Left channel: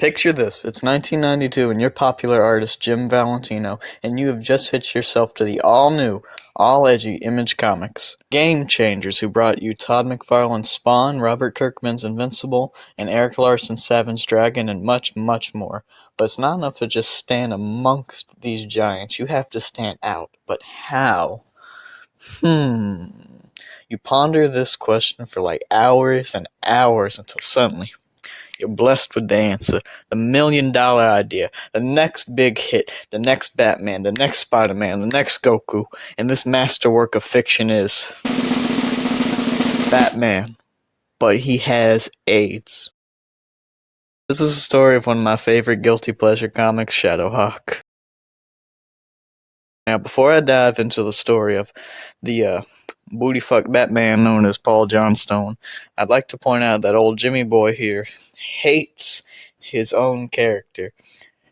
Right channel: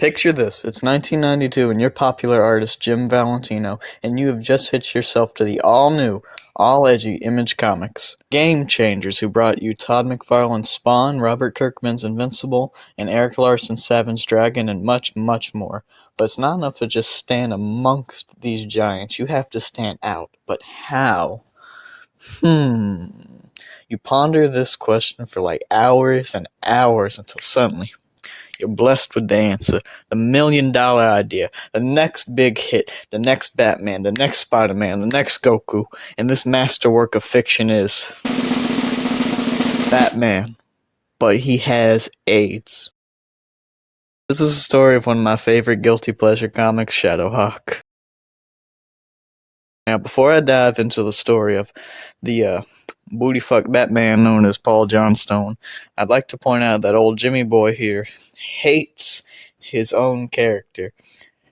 Picture this, it's 1992 and you're popular artist Jim Valentino, and you have just hitched yourself to the all-new, all-edgy Image Comics. Game changers who brought you Todd McFarlane's Spawn, Robert Kirkman's Invincible, and Eric Larson's Savage Dragon, and much, much more. But it's not enough to just stand amongst these giants, you have to stand out. But how? You ponder this question for like hours and hours until suddenly you're blessed with the answer, the $1,000,000 idea, the next big hit, the next Batman, the next Spider-Man, the next Goku, and this masterwork of fiction is Batman, but he has AIDS. This is the story of one of my favorite guilty pleasure comics, ShadowHawk. Now, before I dive into the story of the booty-fuck Batman known as Paul Johnstone, I'd like to point out that old Jimmy Boy here hates his own character.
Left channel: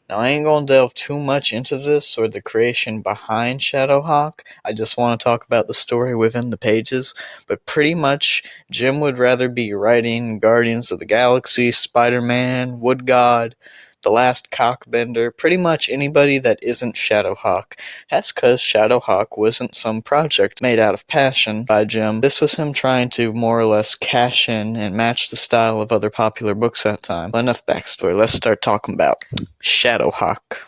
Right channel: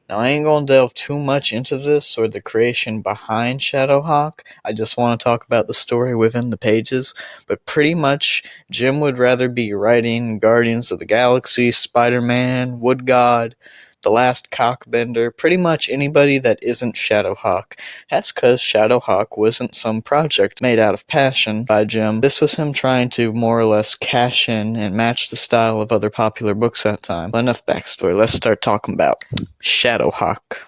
Now, I ain't gonna delve too much into this or the creation behind ShadowHawk. I just want to talk about the story within the pages. But pretty much, Jim would rather be writing Guardians of the Galaxy, Spider-Man, Wood God, The Last Cockbender, pretty much anybody that isn't ShadowHawk. That's because ShadowHawk wasn't some project made out of passion by Jim. This was him trying to more or less cash in and match the style of other popular books at that time. But enough backstory, let's start talking about ShadowHawk.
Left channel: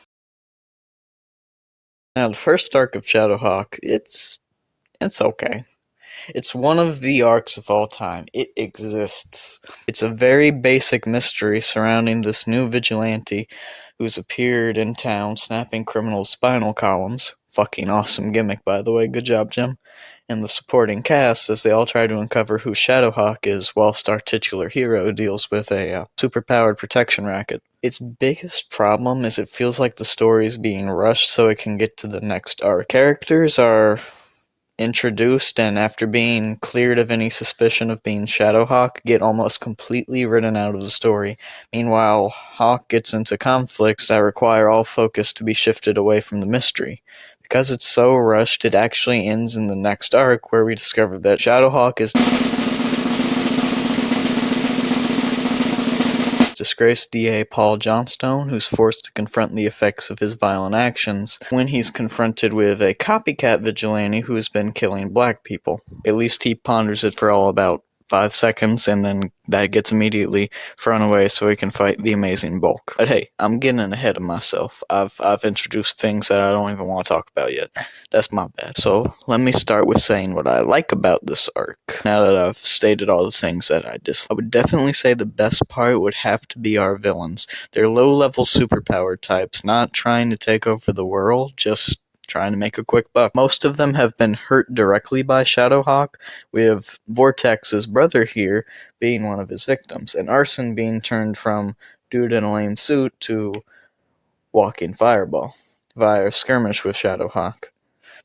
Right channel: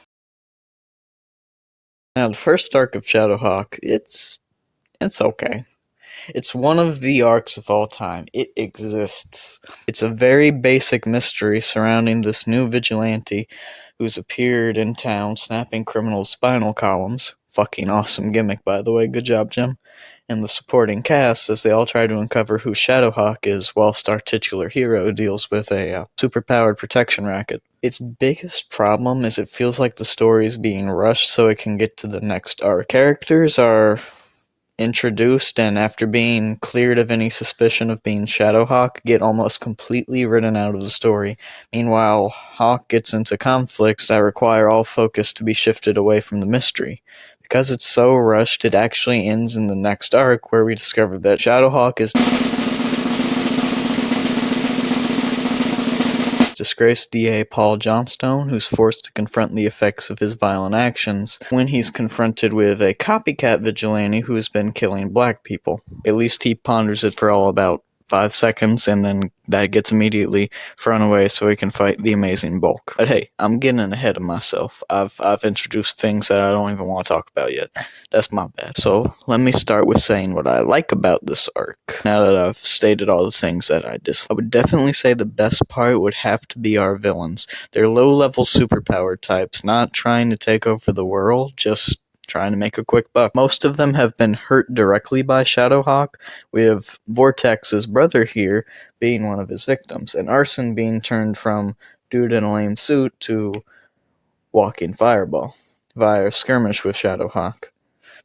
Now, the first arc of ShadowHawk, it's okay. It's one of the arcs of all time. It exists. It's a very basic mystery surrounding this new vigilante who's appeared in town snapping criminals' spinal columns. Fucking awesome gimmick, by the way. Good job, Jim. And the supporting cast as they all try to uncover who ShadowHawk is whilst our titular hero deals with a superpowered protection racket. Its biggest problem is it feels like the story is being rushed so it can get to the next arc. Characters are introduced and after being cleared of any suspicion of being ShadowHawk get almost completely written out of the story. Meanwhile, Hawk gets into conflicts that require all focus to be shifted away from the mystery. Because it's so rushed, it actually ends in the next arc where we discover that ShadowHawk is disgraced DA Paul Johnstone, who's forced to confront the effects of his violent actions when he's confronted with a copycat vigilante who has been killing black people. At least he ponders it for all about 5 seconds, and then that gets immediately thrown away so he can fight the amazing Bulk. But hey, I'm getting ahead of myself. I've introduced things that I don't even want to talk about yet. That's my bad. So let me start with saying what I like about this arc. Now that I've stated all the things that I dislike, I would definitely say the best part would have to be our villains. They're low-level superpower types, not trying to take over the world, just trying to make a quick buck. Most of them have been hurt directly by ShadowHawk, with Vortex's brother here being one of his victims, and Arson being turned from dude in a lame suit to walking fireball via a skirmish with ShadowHawk.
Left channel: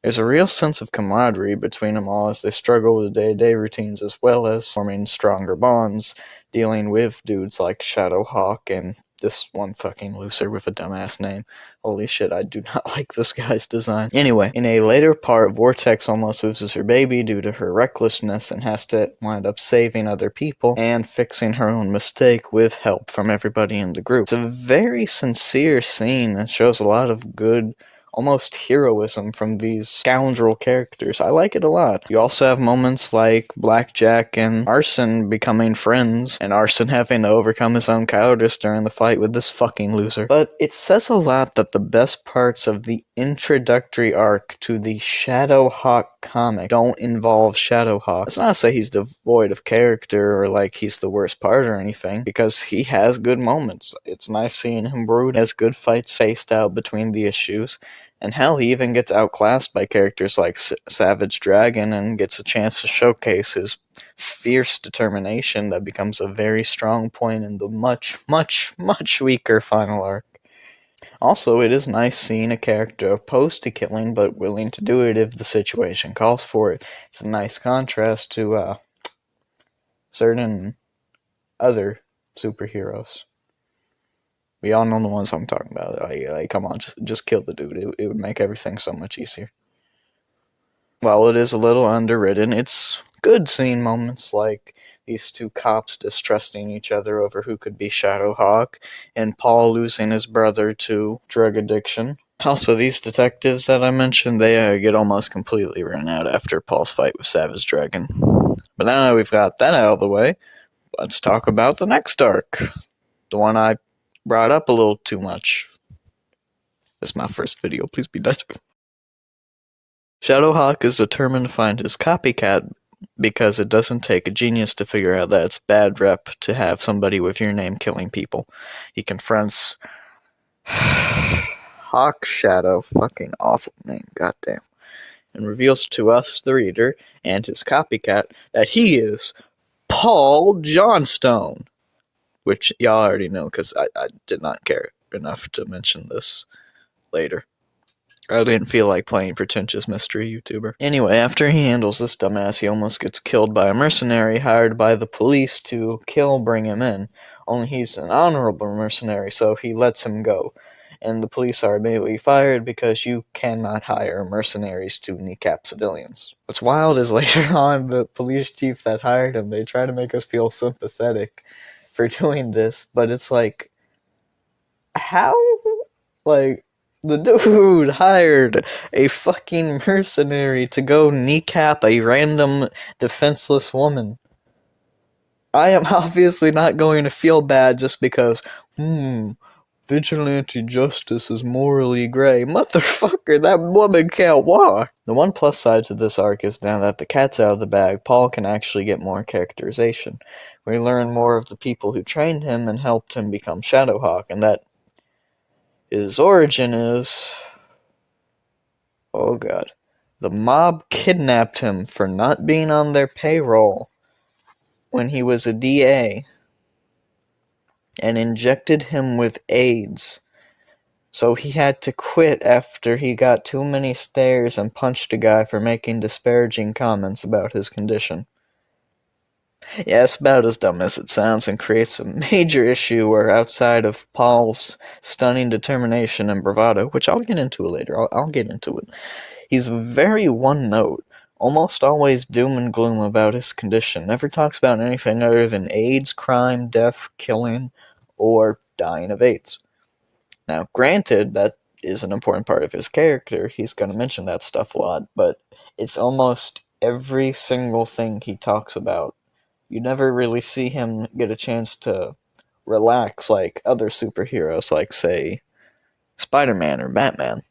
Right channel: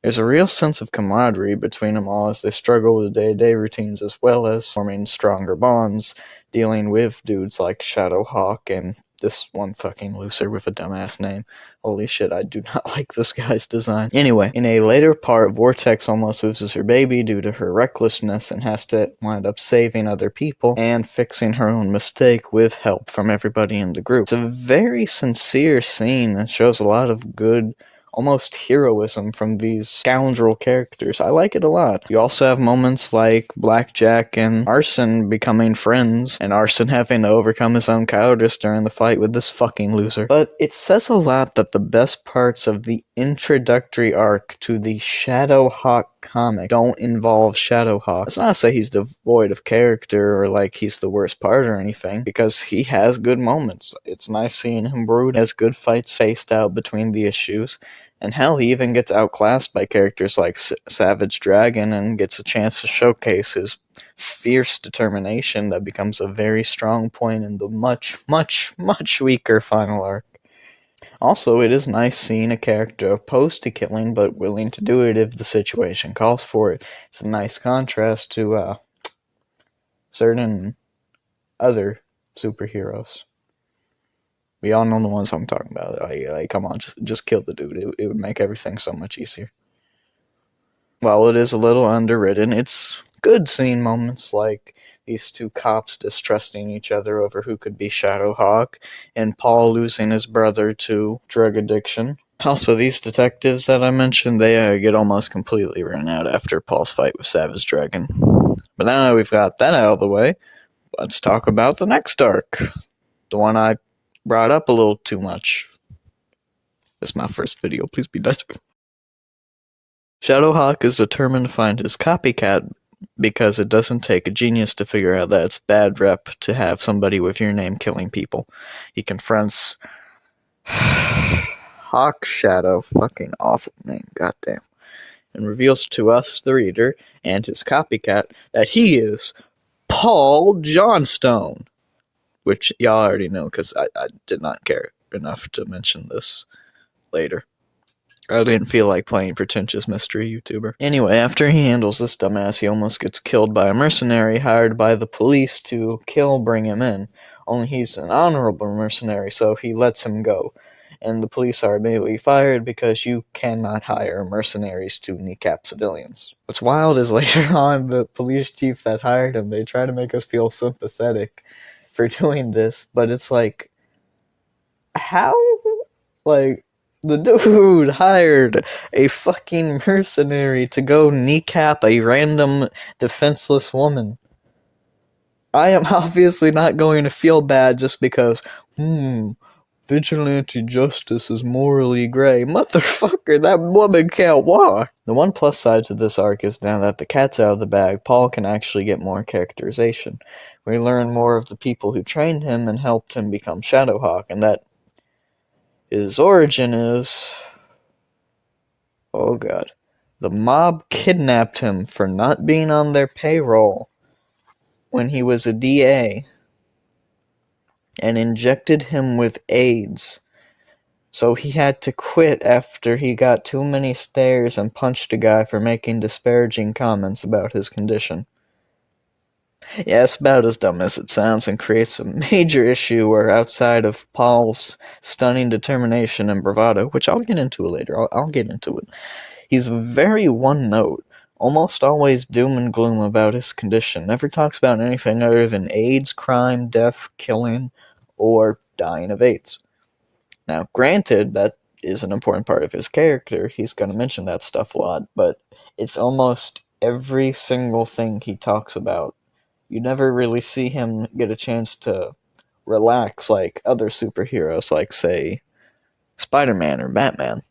There's a real sense of camaraderie between them all as they struggle with day-to-day routines as well as forming stronger bonds, dealing with dudes like ShadowHawk and this one fucking loser with a dumbass name. Holy shit, I do not like this guy's design. Anyway, in a later part, Vortex almost loses her baby due to her recklessness and has to wind up saving other people and fixing her own mistake with help from everybody in the group. It's a very sincere scene that shows a lot of good, almost heroism from these scoundrel characters. I like it a lot. You also have moments like Blackjack and Arson becoming friends, and Arson having to overcome his own cowardice during the fight with this fucking loser. But it says a lot that the best parts of the introductory arc to the ShadowHawk comic don't involve ShadowHawk. It's not to say he's devoid of character or like he's the worst part or anything, because he has good moments. It's nice seeing him brood, has good fights spaced out between the issues. And hell, he even gets outclassed by characters like Savage Dragon and gets a chance to showcase his fierce determination that becomes a very strong point in the much, much, much weaker final arc. Also, it is nice seeing a character opposed to killing but willing to do it if the situation calls for it. It's a nice contrast to certain other superheroes. We all know the ones I'm talking about. Like, come on, just kill the dude. It would make everything so much easier. While it is a little underwritten, it's good seeing moments like these two cops distrusting each other over who could be ShadowHawk, and Paul losing his brother to drug addiction. Also, these detectives that I mentioned, they get almost completely run out after Paul's fight with Savage Dragon. But now that we've got that out of the way, let's talk about the next arc. The one I brought up a little too much. It's my first video, please be nice. ShadowHawk is determined to find his copycat because it doesn't take a genius to figure out that it's bad rep to have somebody with your name killing people. He confronts Hawk Shadow, fucking awful name, goddamn, and reveals to us, the reader, and his copycat, that he is Paul Johnstone. Which y'all already know, because I did not care enough to mention this later. I didn't feel like playing pretentious mystery YouTuber. Anyway, after he handles this dumbass, he almost gets killed by a mercenary hired by the police to bring him in. Only he's an honorable mercenary, so he lets him go. And the police are immediately fired because you cannot hire mercenaries to kneecap civilians. What's wild is later on, the police chief that hired him, they try to make us feel sympathetic for doing this, but it's like, how? Like, the dude hired a fucking mercenary to go kneecap a random defenseless woman. I am obviously not going to feel bad just because, vigilante justice is morally gray. Motherfucker, that woman can't walk. The one plus side to this arc is now that the cat's out of the bag, Paul can actually get more characterization. We learn more of the people who trained him and helped him become ShadowHawk, and that his origin is... oh god. The mob kidnapped him for not being on their payroll when he was a DA and injected him with AIDS. So he had to quit after he got too many stares and punched a guy for making disparaging comments about his condition. Yeah, it's about as dumb as it sounds and creates a major issue where outside of Paul's stunning determination and bravado, which I'll get into later, I'll get into it, he's very one-note, almost always doom and gloom about his condition, never talks about anything other than AIDS, crime, death, killing, or dying of AIDS. Now, granted, that is an important part of his character, he's going to mention that stuff a lot, but it's almost every single thing he talks about. You never really see him get a chance to relax like other superheroes, like, say, Spider-Man or Batman.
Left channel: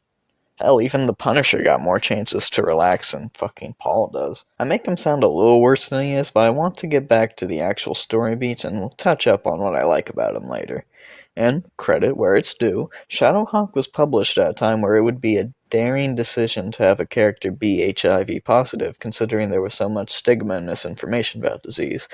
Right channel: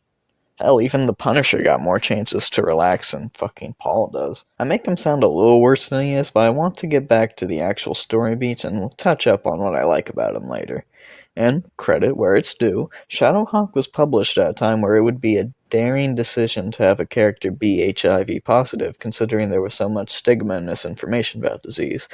Hell, even the Punisher got more chances to relax than fucking Paul does. I make him sound a little worse than he is, but I want to get back to the actual story beats and we'll touch up on what I like about him later. And, credit where it's due, ShadowHawk was published at a time where it would be a daring decision to have a character be HIV positive, considering there was so much stigma and misinformation about disease.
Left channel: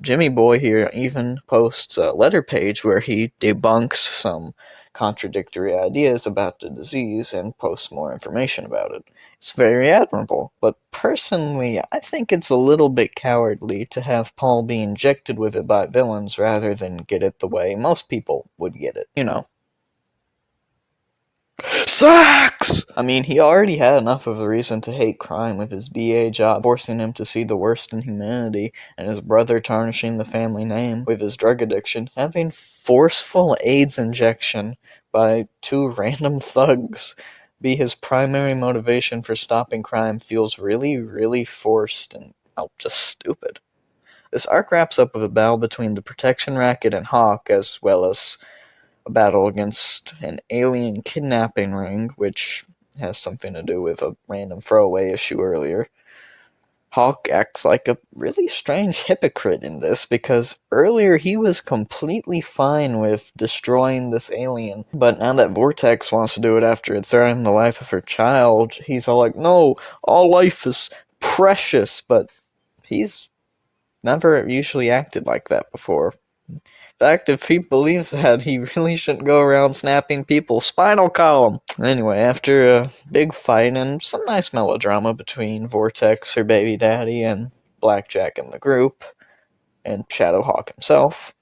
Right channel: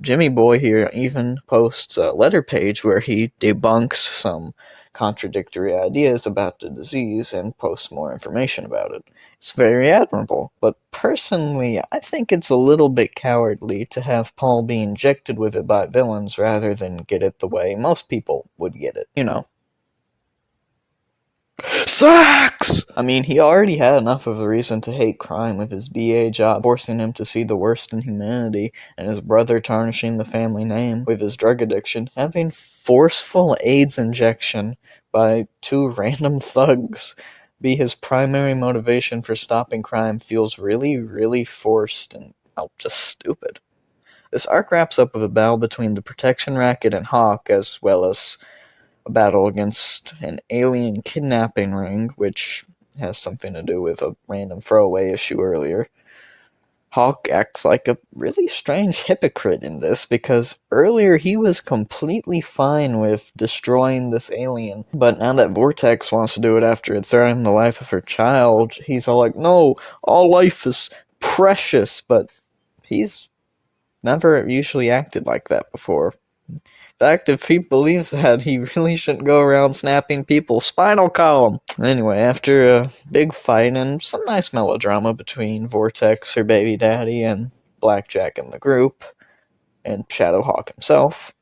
Jimmy Boy here even posts a letter page where he debunks some contradictory ideas about the disease and posts more information about it. It's very admirable, but personally, I think it's a little bit cowardly to have Paul be injected with it by villains rather than get it the way most people would get it. You know. Sex! I mean, he already had enough of a reason to hate crime with his DA job forcing him to see the worst in humanity, and his brother tarnishing the family name with his drug addiction. Having forceful AIDS injection by two random thugs be his primary motivation for stopping crime feels really, really forced and, just stupid. This arc wraps up with a battle between the Protection Racket and Hawk, as well as a battle against an alien kidnapping ring, which has something to do with a random throwaway issue earlier. Hawk acts like a really strange hypocrite in this, because earlier he was completely fine with destroying this alien, but now that Vortex wants to do it after it threatened the life of her child, he's all like, no, all life is precious, but he's never usually acted like that before. In fact, if he believes that, he really shouldn't go around snapping people's spinal column. Anyway, after a big fight and some nice melodrama between Vortex, her baby daddy, and Blackjack and the group, and ShadowHawk himself,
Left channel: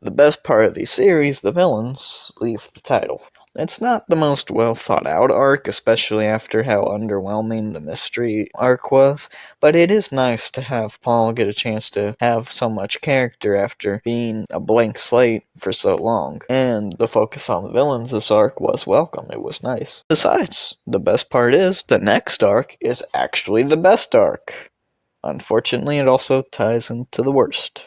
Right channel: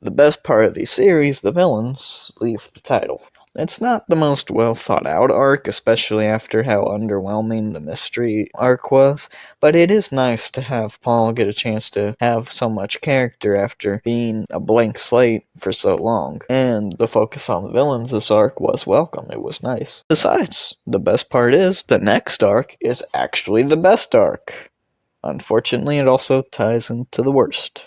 the best part of the series, the villains, leave the title. It's not the most well thought out arc, especially after how underwhelming the mystery arc was, but it is nice to have Paul get a chance to have so much character after being a blank slate for so long. And the focus on the villains this arc was welcome. It was nice. Besides, the best part is the next arc is actually the best arc. Unfortunately, it also ties into the worst.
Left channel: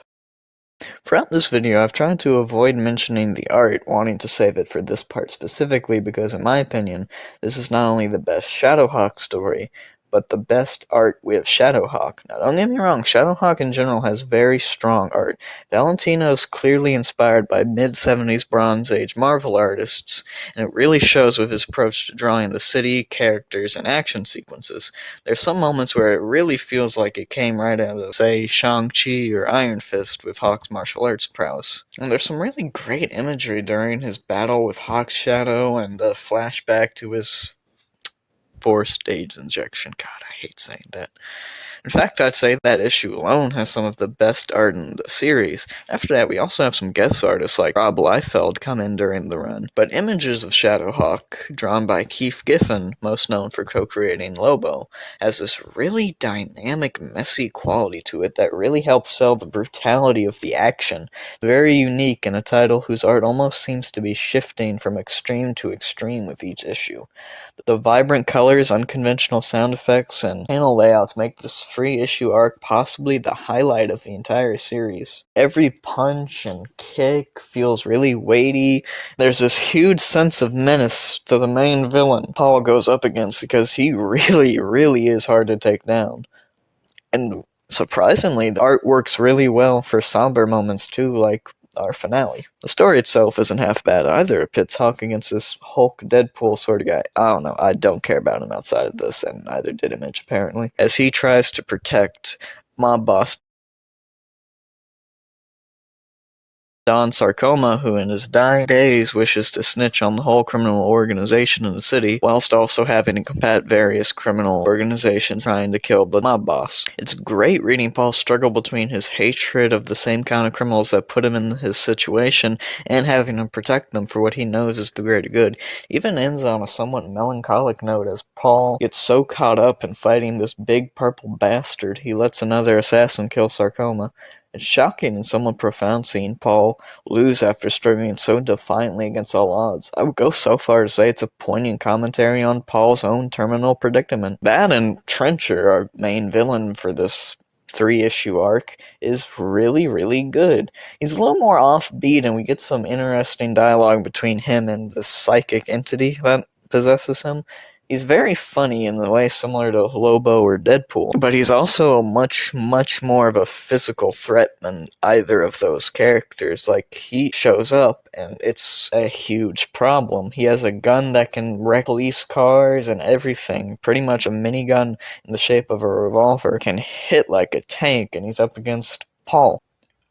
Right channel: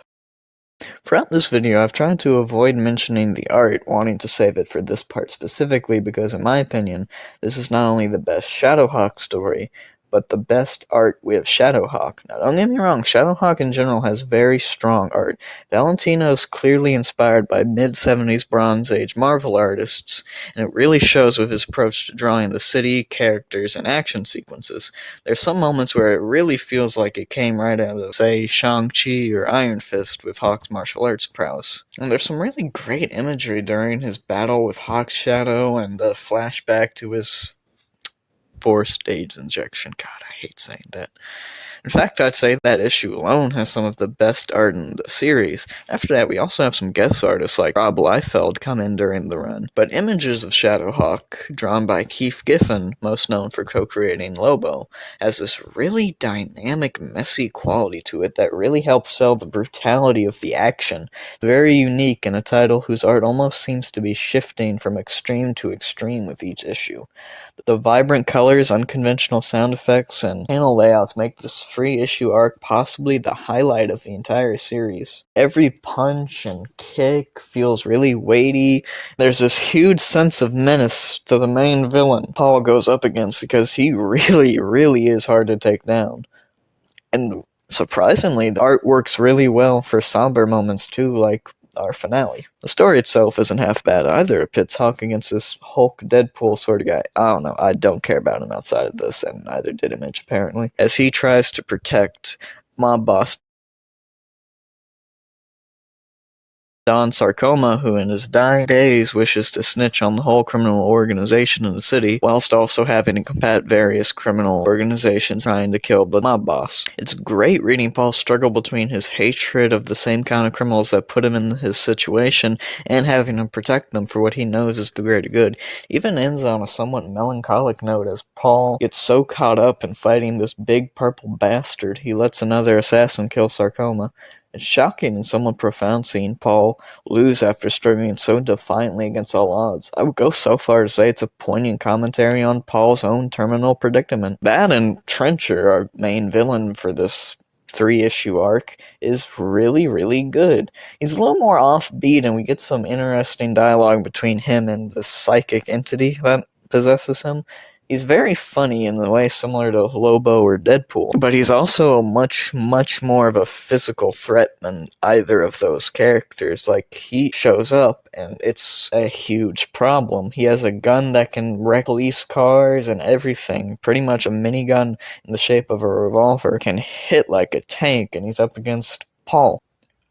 Throughout this video, I've tried to avoid mentioning the art, wanting to save it for this part specifically because, in my opinion, this is not only the best ShadowHawk story, but the best art with ShadowHawk. Now, don't get me wrong, ShadowHawk in general has very strong art. Valentino is clearly inspired by mid-70s Bronze Age Marvel artists, and it really shows with his approach to drawing the city, characters, and action sequences. There's some moments where it really feels like it came right out of, say, Shang-Chi or Iron Fist with Hawk's martial arts prowess. And there's some really great imagery during his battle with Hawk's shadow and a flashback to his forced age injection. God, I hate saying that. In fact, I'd say that issue alone has some of the best art in the series. After that, we also have some guest artists like Rob Liefeld come in during the run. But images of ShadowHawk, drawn by Keith Giffen, most known for co-creating Lobo, has this really dynamic, messy quality to it that really helps sell the brutality of the action. Very unique in a title whose art almost seems to be shifting from extreme to extreme with each issue. The vibrant colors, unconventional sound effects, and panel layouts make this free-issue arc possibly the highlight of the entire series. Every punch and kick feels really weighty. There's this huge sense of menace to the main villain Paul goes up against because he really is hard to take down. And surprisingly, the art works really well for somber moments too, like our finale. The story itself isn't half bad either. It pits Hawk against this Hulk Deadpool sort of guy. I don't know, I don't care about him outside of this, and neither did Image apparently, as he tries to protect mob boss Don Sarcoma, who in his dying days wishes to snitch on the whole criminal organization in the city, whilst also having to combat various criminal organizations trying to kill the mob boss. It's great reading Paul struggle between his hatred of the same kind of criminals that put him in his situation and having to protect them for what he knows is the greater good. Even ends on a somewhat melancholic note as Paul gets so caught up in fighting this big purple bastard he lets another assassin kill Sarcoma. It's shocking and somewhat profound seeing Paul lose after struggling so defiantly against all odds. I would go so far to say it's a poignant commentary on Paul's own terminal predicament. That and Trencher, our main villain for this 3-issue arc, is really good. He's a little more offbeat and we get some interesting dialogue between him and the psychic entity that possesses him. He's very funny in the way similar to Lobo or Deadpool, but he's also much more of a physical threat than either of those characters. Like, he shows up, and it's a huge problem. He has a gun that can wreck police cars and everything. Pretty much a minigun in the shape of a revolver can hit like a tank, and he's up against Paul,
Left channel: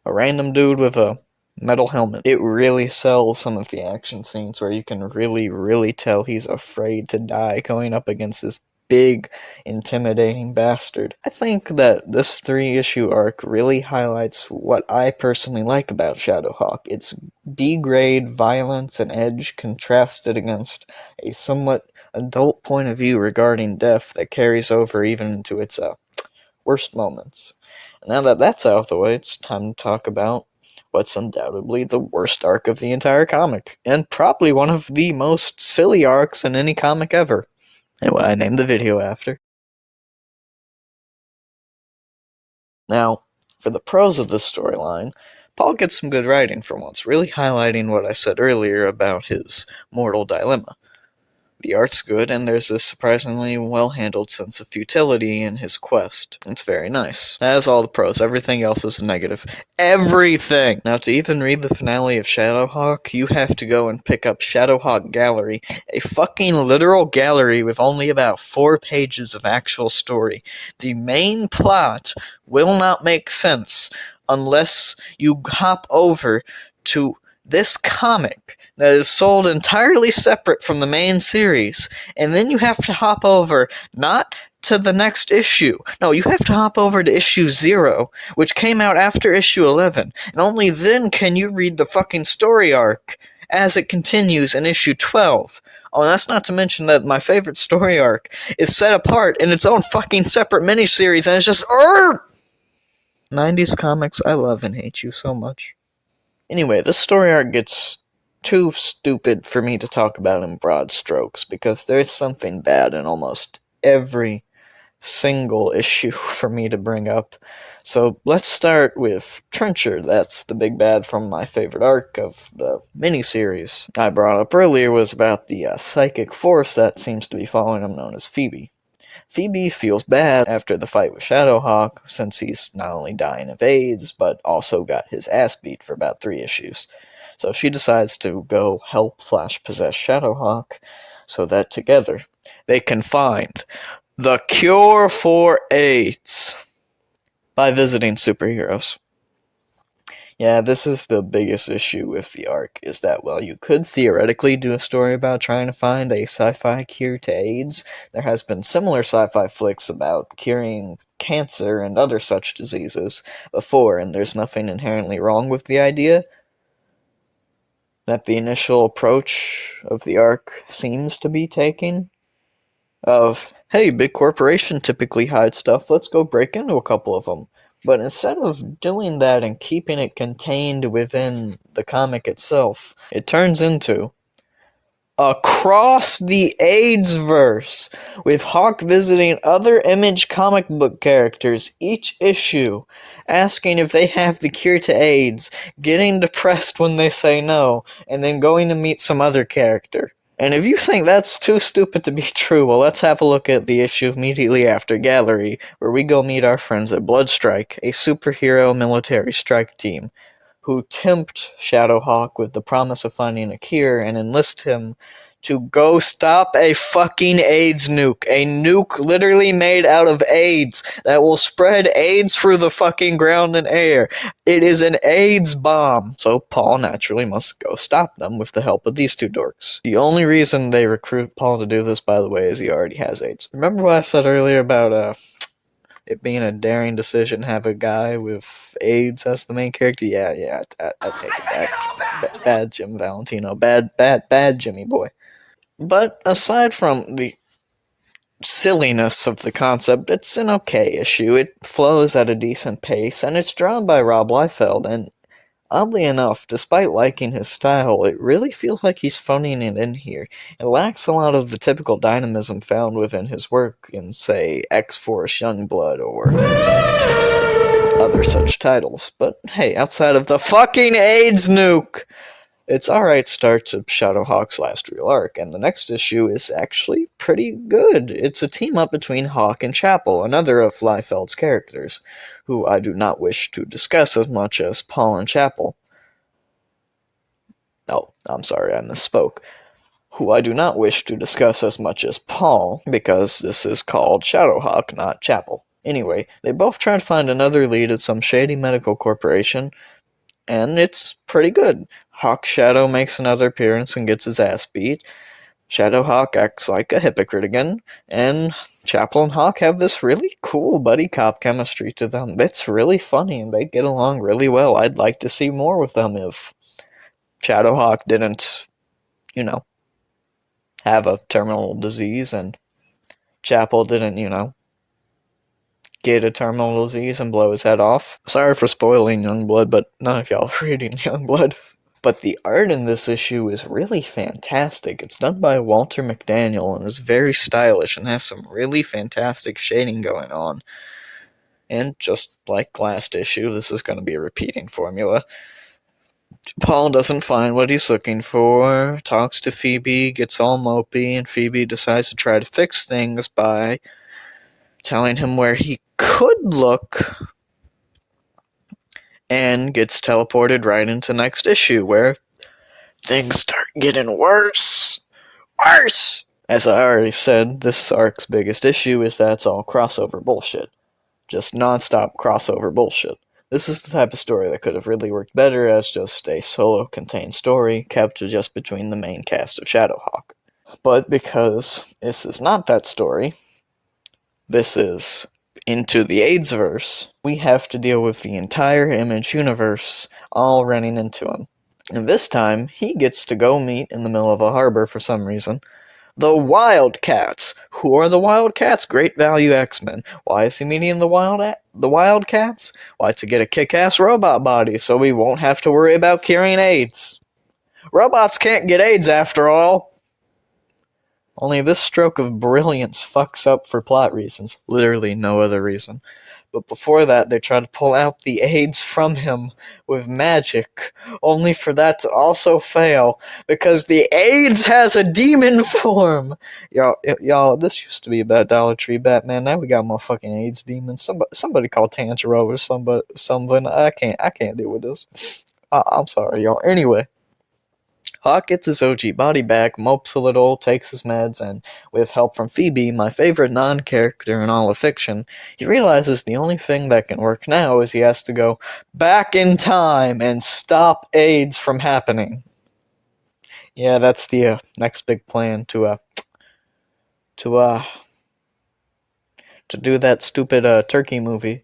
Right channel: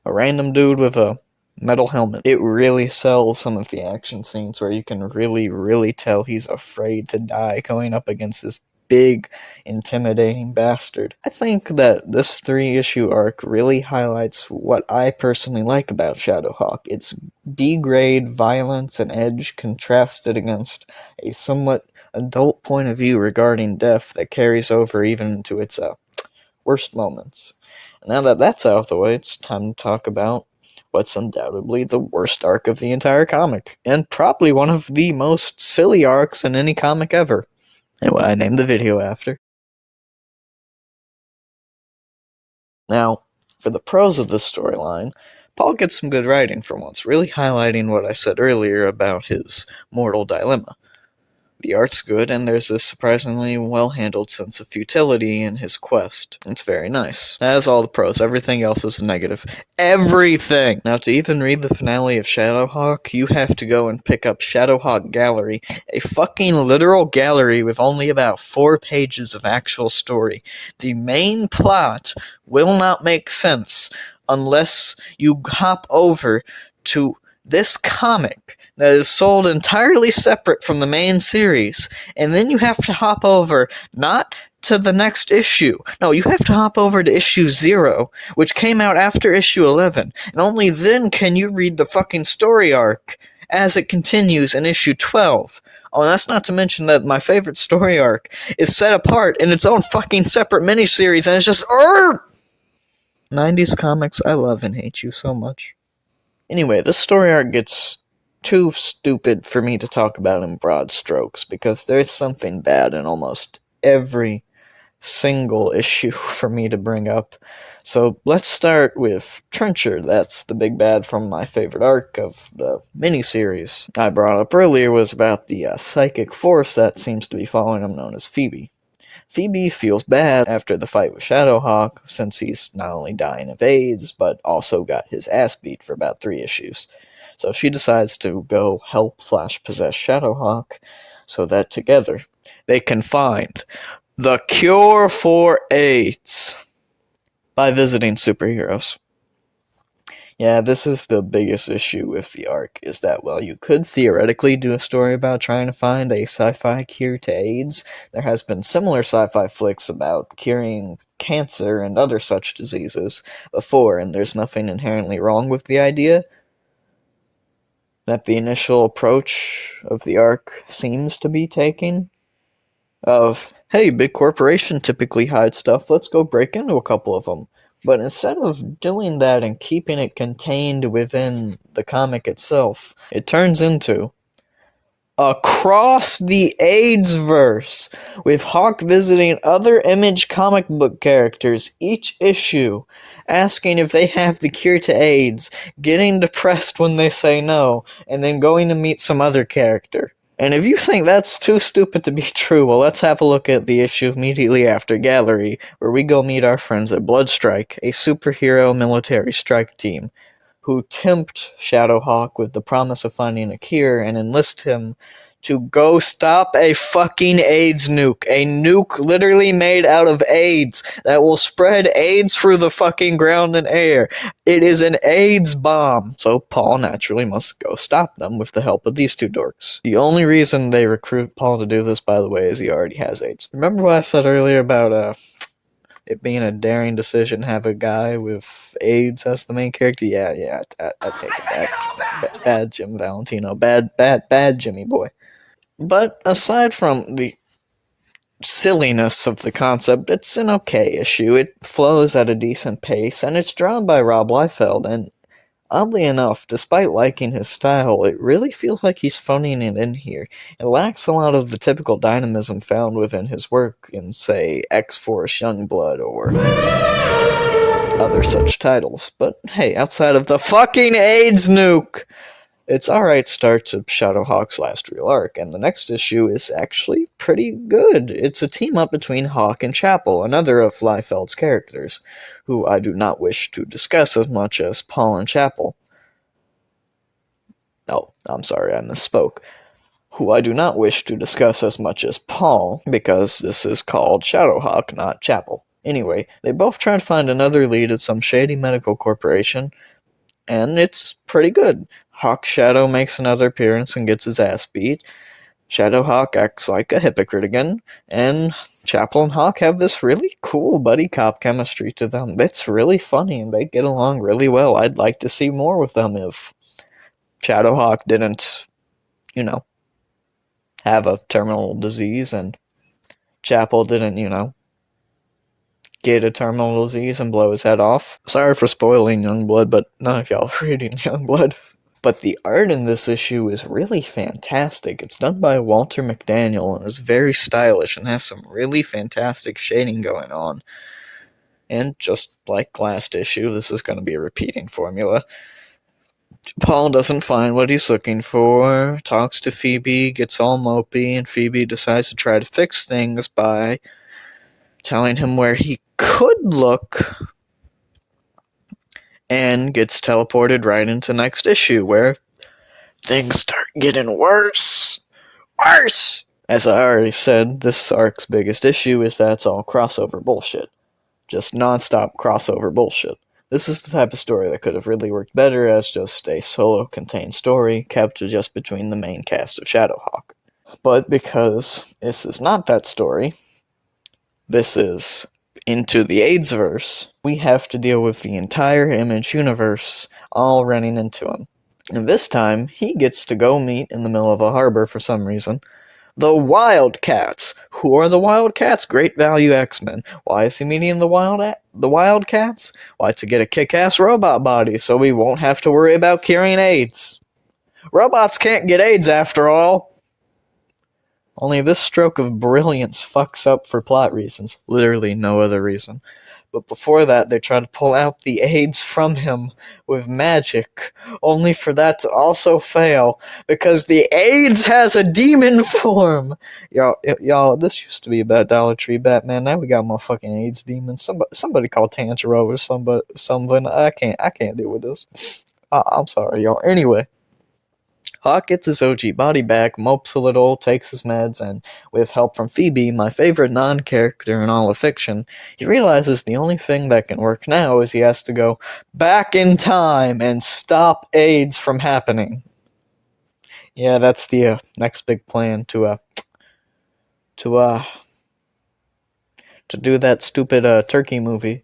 a random dude with a metal helmet. It really sells some of the action scenes where you can really tell he's afraid to die going up against this big, intimidating bastard. I think that this 3-issue arc really highlights what I personally like about ShadowHawk. It's B-grade violence and edge contrasted against a somewhat adult point of view regarding death that carries over even into its worst moments. Now that that's out of the way, it's time to talk about what's undoubtedly the worst arc of the entire comic, and probably one of the most silly arcs in any comic ever, and what I named the video after. Now, for the pros of this storyline, Paul gets some good writing for once, really highlighting what I said earlier about his mortal dilemma. The art's good, and there's a surprisingly well-handled sense of futility in his quest. It's very nice. That is all the pros. Everything else is a negative. Everything! Now, to even read the finale of ShadowHawk, you have to go and pick up ShadowHawk Gallery, a fucking literal gallery with only about 4 pages of actual story. The main plot will not make sense unless you hop over to this comic that is sold entirely separate from the main series, and then you have to hop over not to the next issue. No, you have to hop over to issue 0, which came out after issue 11, and only then can you read the fucking story arc. as it continues in issue 12. Oh, that's not to mention that my favorite story arc is set apart in its own fucking separate miniseries, and it's just 90s comics, I love and hate you so much. Anyway, this story arc gets too stupid for me to talk about in broad strokes, because there's something bad in almost every single issue for me to bring up. So let's start with Trencher. That's the big bad from my favorite arc of the miniseries I brought up earlier, was about the psychic force that seems to be following him, known as Phoebe. Phoebe feels bad after the fight with ShadowHawk, since he's not only dying of AIDS, but also got his ass beat for about 3 issues. So she decides to go help/possess ShadowHawk, so that together they can find the cure for AIDS by visiting superheroes. Yeah, this is the biggest issue with the arc, is that while you could theoretically do a story about trying to find a sci-fi cure to AIDS, there has been similar sci-fi flicks about curing cancer and other such diseases before, and there's nothing inherently wrong with the idea that the initial approach of the arc seems to be taking, of, hey, big corporation typically hide stuff, let's go break into a couple of them. But instead of doing that and keeping it contained within the comic itself, it turns into across the AIDS-verse, with Hawk visiting other Image comic book characters each issue, asking if they have the cure to AIDS, getting depressed when they say no, and then going to meet some other character. And if you think that's too stupid to be true, well, let's have a look at the issue immediately after Gallery, where we go meet our friends at Bloodstrike, a superhero military strike team, who tempt ShadowHawk with the promise of finding a cure and enlist him to go stop a fucking AIDS nuke. A nuke literally made out of AIDS that will spread AIDS through the fucking ground and air. It is an AIDS bomb. So Paul naturally must go stop them with the help of these two dorks. The only reason they recruit Paul to do this, by the way, is he already has AIDS. Remember what I said earlier about it being a daring decision to have a guy with AIDS as the main character? Yeah, I take that. Bad Jim Valentino. Bad Jimmy boy. But aside from the silliness of the concept, it's an okay issue. It flows at a decent pace, and it's drawn by Rob Liefeld, and oddly enough, despite liking his style, it really feels like he's phoning it in here. It lacks a lot of the typical dynamism found within his work in, say, X-Force Youngblood or other such titles. But hey, outside of the fucking AIDS nuke, it's alright start to ShadowHawk's last real arc, and the next issue is actually pretty good. It's a team-up between Hawk and Chapel, another of Liefeld's characters, who I do not wish to discuss as much as Paul and Chapel. Oh, I'm sorry, I misspoke. Who I do not wish to discuss as much as Paul, because this is called ShadowHawk, not Chapel. Anyway, they both try to find another lead at some shady medical corporation, and it's pretty good. Hawk Shadow makes another appearance and gets his ass beat. ShadowHawk acts like a hypocrite again, and Chapel and Hawk have this really cool buddy cop chemistry to them. It's really funny, and they get along really well. I'd like to see more with them if ShadowHawk didn't, have a terminal disease, and Chapel didn't, get a terminal disease and blow his head off. Sorry for spoiling Youngblood, but none of y'all are reading Youngblood. But the art in this issue is really fantastic. It's done by Walter McDaniel and is very stylish and has some really fantastic shading going on. And just like last issue, this is going to be a repeating formula. Paul doesn't find what he's looking for, talks to Phoebe, gets all mopey, and Phoebe decides to try to fix things by telling him where he could look, and gets teleported right into next issue, where things start getting worse. Worse! As I already said, this arc's biggest issue is that it's all crossover bullshit. Just non-stop crossover bullshit. This is the type of story that could have really worked better as just a solo-contained story kept just between the main cast of ShadowHawk. But because this is not that story, this is into the AIDS-verse, we have to deal with the entire Image universe all running into him. And this time, he gets to go meet in the middle of a harbor for some reason the Wildcats. Who are the Wildcats? Great Value X-Men. Why is he meeting the Wildcats? Why, to get a kick-ass robot body so we won't have to worry about curing AIDS. Robots can't get AIDS after all. Only this stroke of brilliance fucks up for plot reasons. Literally no other reason. But before that, they try to pull out the AIDS from him with magic, only for that to also fail, because the AIDS has a demon form! Y'all, this used to be about Dollar Tree Batman, now we got motherfucking AIDS demons. Somebody call Tanjiro or something. I can't deal with this. I'm sorry, y'all. Anyway. Hawk gets his OG body back, mopes a little, takes his meds, and with help from Phoebe, my favorite non-character in all of fiction, he realizes the only thing that can work now is he has to go back in time and stop AIDS from happening. Yeah, that's the next big plan to do that stupid turkey movie,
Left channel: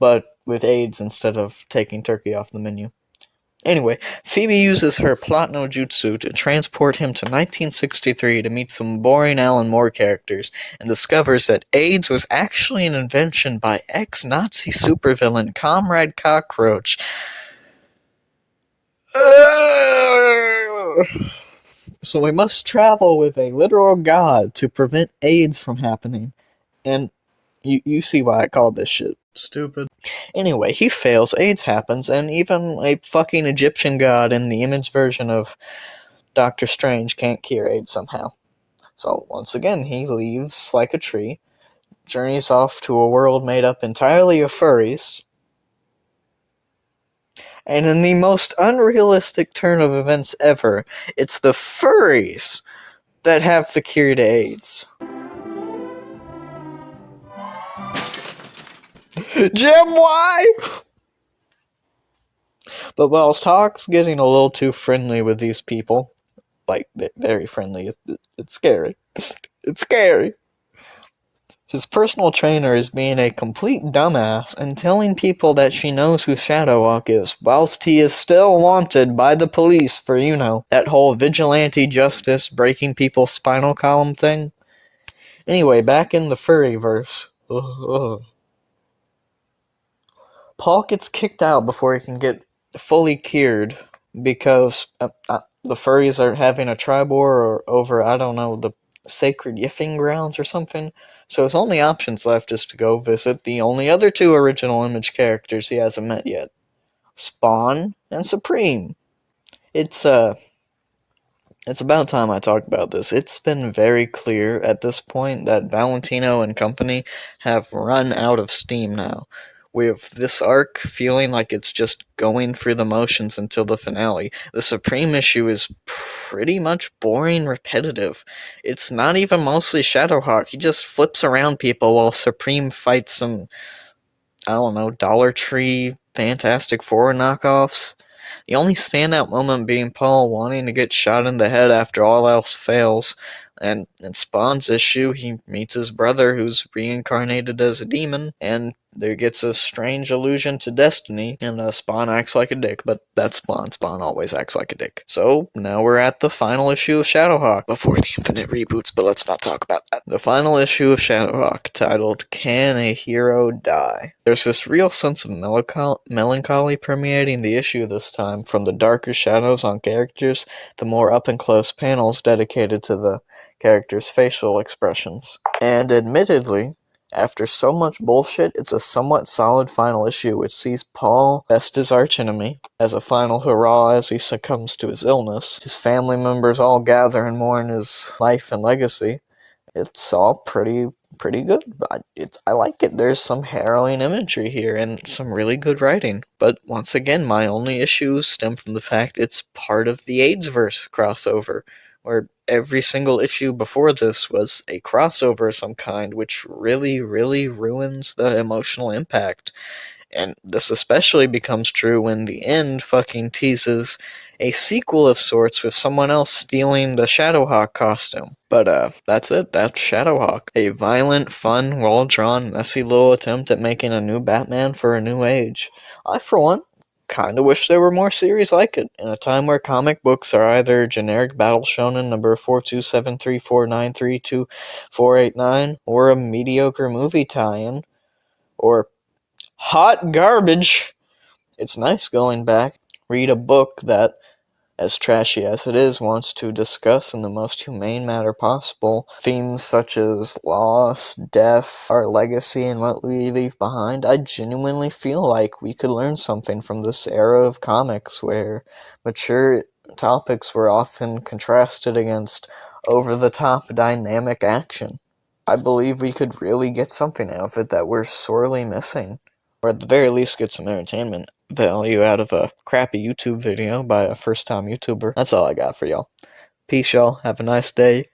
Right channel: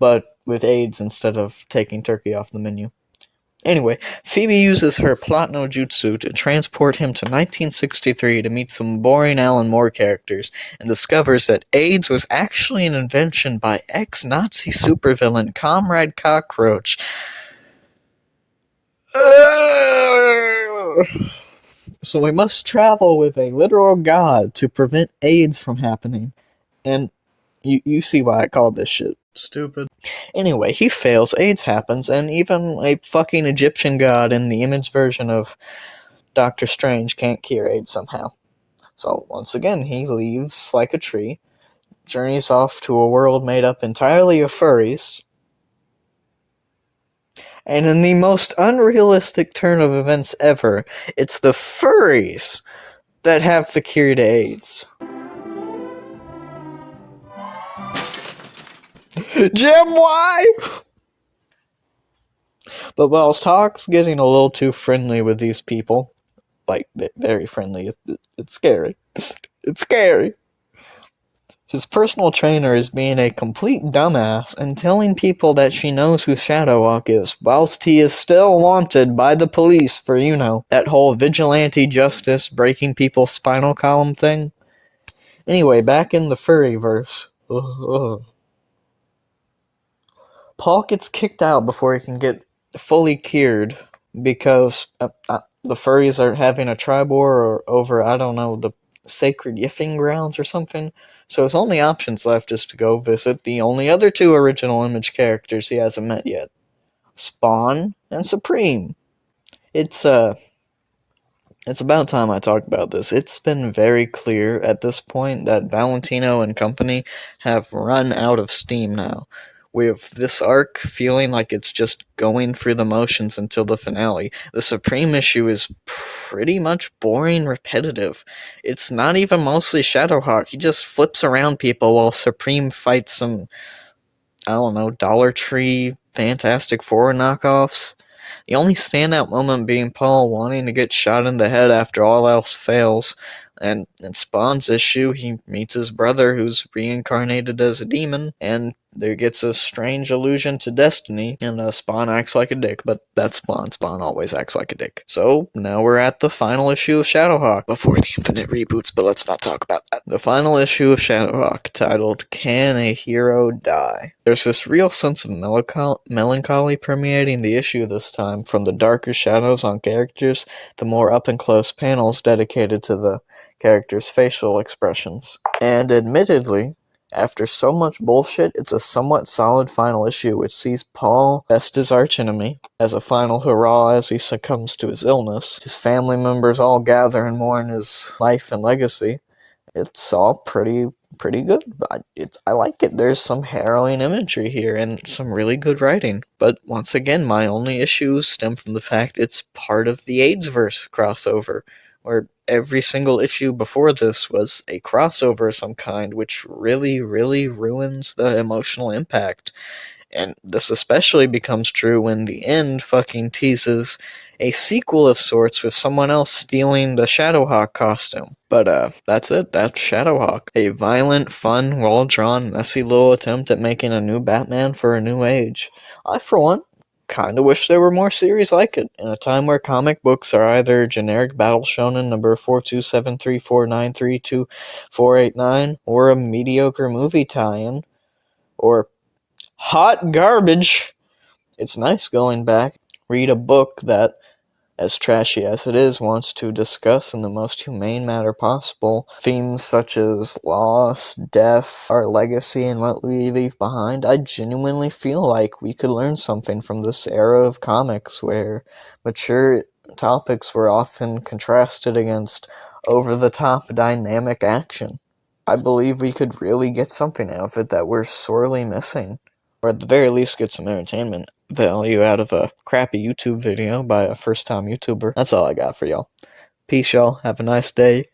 but with AIDS instead of taking turkey off the menu. Anyway, Phoebe uses her plot no jutsu to transport him to 1963 to meet some boring Alan Moore characters, and discovers that AIDS was actually an invention by ex-Nazi supervillain Comrade Cockroach. So we must travel with a literal god to prevent AIDS from happening, and you see why I called this shit stupid. Anyway, he fails, AIDS happens, and even a fucking Egyptian god in the image version of Doctor Strange can't cure AIDS somehow. So, once again, he leaves like a tree, journeys off to a world made up entirely of furries, and in the most unrealistic turn of events ever, it's the furries that have the cure to AIDS. Jim, why? But whilst Hawk's getting a little too friendly with these people, like, very friendly, it's scary. It's scary. His personal trainer is being a complete dumbass and telling people that she knows who ShadowHawk is, whilst he is still wanted by the police for, that whole vigilante justice breaking people's spinal column thing. Anyway, back in the furryverse. Paul gets kicked out before he can get fully cured because the furries are having a tri-war over, I don't know, the sacred yiffing grounds or something. So his only options left is to go visit the only other two original Image characters he hasn't met yet. Spawn and Supreme. It's about time I talk about this. It's been very clear at this point that Valentino and company have run out of steam now, with this arc feeling like it's just going through the motions until the finale. The Supreme issue is pretty much boring, repetitive. It's not even mostly ShadowHawk. He just flips around people while Supreme fights some, I don't know, Dollar Tree Fantastic Four knockoffs. The only standout moment being Paul wanting to get shot in the head after all else fails. And in Spawn's issue, he meets his brother who's reincarnated as a demon, and there gets a strange allusion to destiny, and Spawn acts like a dick, but that's Spawn. Spawn always acts like a dick. So, now we're at the final issue of ShadowHawk, before the infinite reboots, but let's not talk about that. The final issue of ShadowHawk, titled, Can a Hero Die? There's this real sense of melancholy permeating the issue this time, from the darker shadows on characters, the more up-and-close panels dedicated to the characters' facial expressions. And admittedly, after so much bullshit, it's a somewhat solid final issue which sees Paul best his archenemy as a final hurrah as he succumbs to his illness. His family members all gather and mourn his life and legacy. It's all pretty good. I like it. There's some harrowing imagery here and some really good writing. But once again, my only issues stem from the fact it's part of the AIDSverse crossover, where every single issue before this was a crossover of some kind, which really, really ruins the emotional impact. And this especially becomes true when the end fucking teases a sequel of sorts with someone else stealing the ShadowHawk costume. But that's it. That's ShadowHawk. A violent, fun, well-drawn, messy little attempt at making a new Batman for a new age. I, for one, kinda wish there were more series like it. In a time where comic books are either generic battle shonen number 42734932489, or a mediocre movie tie-in, or hot garbage, it's nice going back, read a book that, as trashy as it is, wants to discuss in the most humane manner possible themes such as loss, death, our legacy, and what we leave behind. I genuinely feel like we could learn something from this era of comics where mature topics were often contrasted against over-the-top dynamic action. I believe we could really get something out of it that we're sorely missing, or at the very least get some entertainment value out of a crappy YouTube video by a first-time YouTuber. That's all I got for y'all. Peace, y'all. Have a nice day.